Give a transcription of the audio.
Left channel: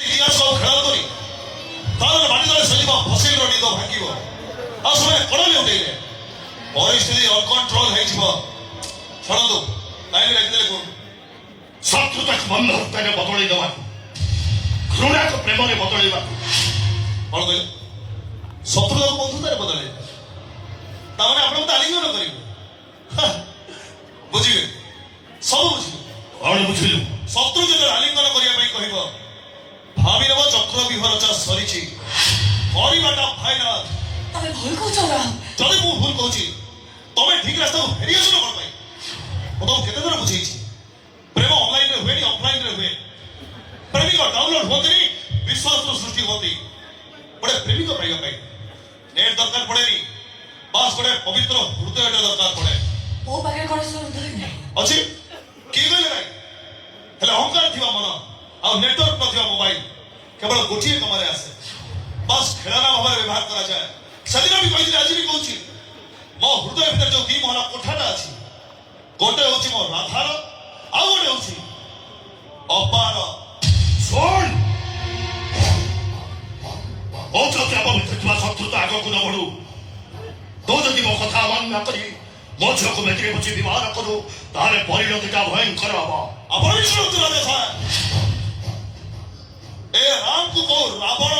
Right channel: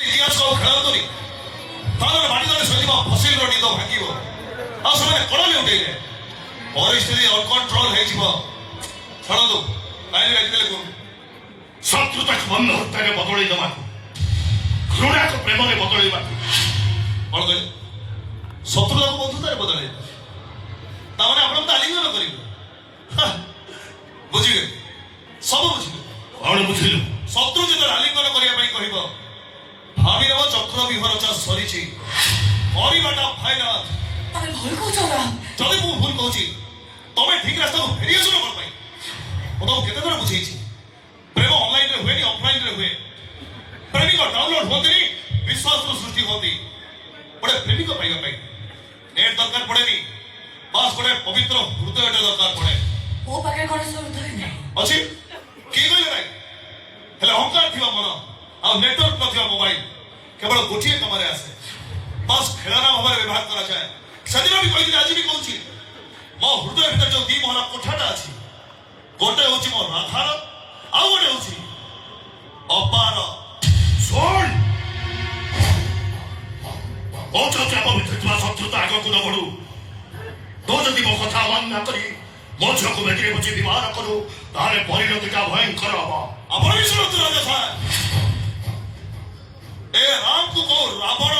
ଇତିହାସ ଆଉ ଖେଳାନ୍ତୁନି ତାର ମାଟି ତଳେ ସଜିବ ଫସିଲର ନିଦ ଭାଙ୍ଗିବ ଆଉ ସେମାନେ କଣ ଲେଉଟେଇଲେ ପରିସ୍ଥିତି ଅନକଣ୍ଟ୍ରୋଲ ହେଇଯିବ ଶୁଣନ୍ତୁ କାହିଁକି ଲେଖିଦେଲେ କୁହନ୍ତୁ ଶତ୍ରୁତାକୁ ବନ୍ଧ ହତ୍ୟାରେ ବଦଳେଇ ଦେବାକୁ ଘୃଣାକୁ ପ୍ରେମରେ ବଦଳେଇବାକୁ କଣ କହିଲେ ଶତ୍ରୁତାକୁ ବନ୍ଧୁତାରେ ବଦଳେଇବେ ତାମାନେ ଆପଣ ମତେ ଆଲିଙ୍ଗନ କରିବେ ବୁଝିବେ ସବୁ ବୁଝିବେ କଣ ବୁଝିଲୁ ଶତ୍ରୁ ଯେତେବେଳେ ଆଲିଙ୍ଗନ କରିବା ପାଇଁ କହିବ ଭାବି ନେବ ଚକ୍ର ବିହରଚା ସରିଛି କରିବାଟା ଫାଇନାଲ ତମେ ଭୁଲ କହୁଛ ରାମ ଯଦି ମୁଁ ଭୁଲ କହୁଛି ତମେ ଠିକ ରାସ୍ତାକୁ ଫେରି ଆସୁନ କଣ ପାଇଁ ମୁଁ ତମକୁ କେତେ ଥର ବୁଝେଇଛି ପ୍ରେମ ଅନଲାଇନରେ ହୁଏନି ଅଫଲାଇନରେ ହୁଏ ପ୍ରେମିକ ଡାଉନଲୋଡ ହୁଅନ୍ତିନି ବିଶ୍ୱାସର ସୃଷ୍ଟି ହୁଅନ୍ତି ଗୋଟେ ପ୍ରେମିକ ପାଇବା ପାଇଁ ନେଟ ଦରକାର ପଡେନି ବାସ୍ ଗୋଟେ ପବିତ୍ର ହୃଦୟଟେ ଦରକାର ପଡେ ମୋ ପାଖରେ କଣ ସେ ହୃଦୟ ନାହିଁ ଅଛି କିଏ କହିଲେ ନାହିଁ ହେଲେ ଅହଙ୍କାର ଥିବା ମନ ଆଉ ନେଟୱାର୍କ ନଥିବା ମୋବାଇଲ କେବଳ ଗୋଟିଏ କାମରେ ଆସେ ବାସ୍ ଖେଳନା ଭାବରେ ବ୍ୟବହାର କରାଯାଏ ସେଦିନ ବି କହିଥିଲି ଆଜି ବି କହୁଛି ମୋ ହୃଦୟ ଭିତରେ ଯୋଉ ଦି ମହଲା କୋଠାଟା ଅଛି ଗୋଟେ ହଉଛି ମୋ ରାଧାର ଆଉ ଗୋଟେ ହଉଛି ଅପାର ଶୁଣ ମୋ ଚାପ ଭିତରେ ଥିବା ଶତ୍ରୁତା ଆଗକୁ ନ ବଢୁ ତୁ ଯଦି ମୋ କଥା ଅମାନ୍ୟ କରି ମୋ ଝିଅକୁ ବେଟିରେ ବସି ବିବାହ କରୁ ତାହେଲେ ପରିଣତିଟା ଭୟଙ୍କର ହବ ଆପଣ ବି ଶୁଣନ୍ତୁ ରାଜା ସାହେବ ଏ ରାମକୁ କହୁ ରାବଣ